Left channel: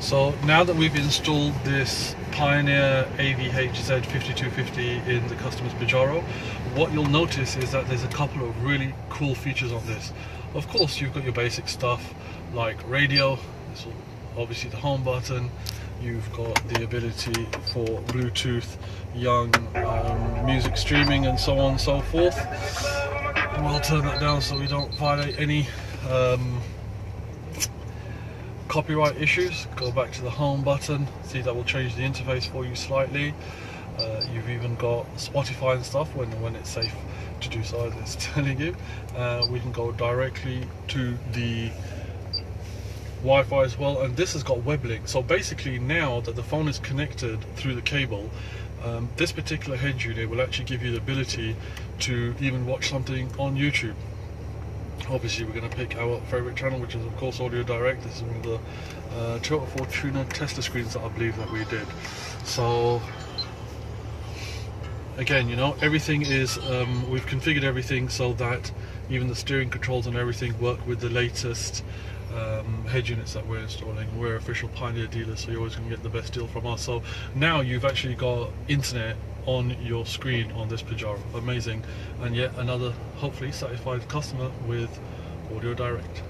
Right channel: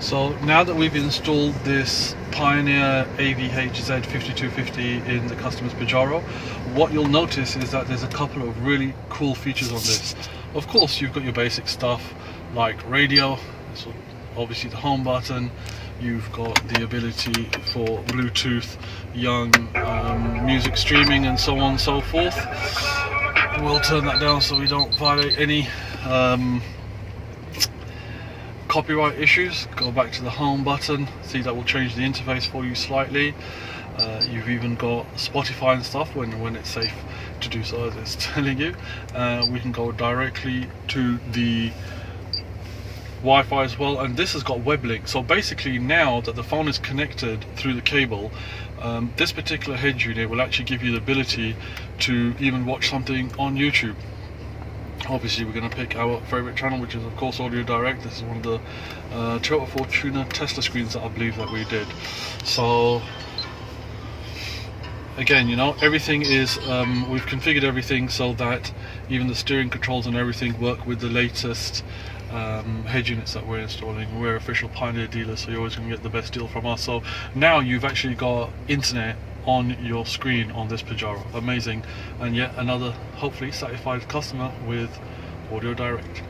So now that we've installed this Pioneer AVH-Z5250 in the customer's Pajero, what you'll notice is that there's a couple of really cool features on this. Of course, you've got your basic stuff like radio, so obviously the home button. You've got the ability for Bluetooth, young music streaming and so on and so forth. We'll turn that down so we don't violate any copyright issues. Go back to the home button, see that will change the interface for you slightly. You've even got Spotify and stuff when it's safe to do so, as it's telling you. We can go directly to the Wi-Fi as well, and this has got web link. So basically, now that the phone is connected through the cable, this particular head unit will actually give you the ability to even watch something on YouTube. Obviously, we're going to pick our favorite channel, which is of course AudioDirect. This is one of the Toyota Fortuner Tesla screens that I believe that we did. So again, you know, everything is we've configured everything so that even the steering controls and everything work with the latest head units that we're installing. We're official Pioneer dealers, so you're always going to get the best deal from us. So now you've actually got internet on your screen on this Pajero. Amazing. And yet another hopefully satisfied customer with AudioDirect.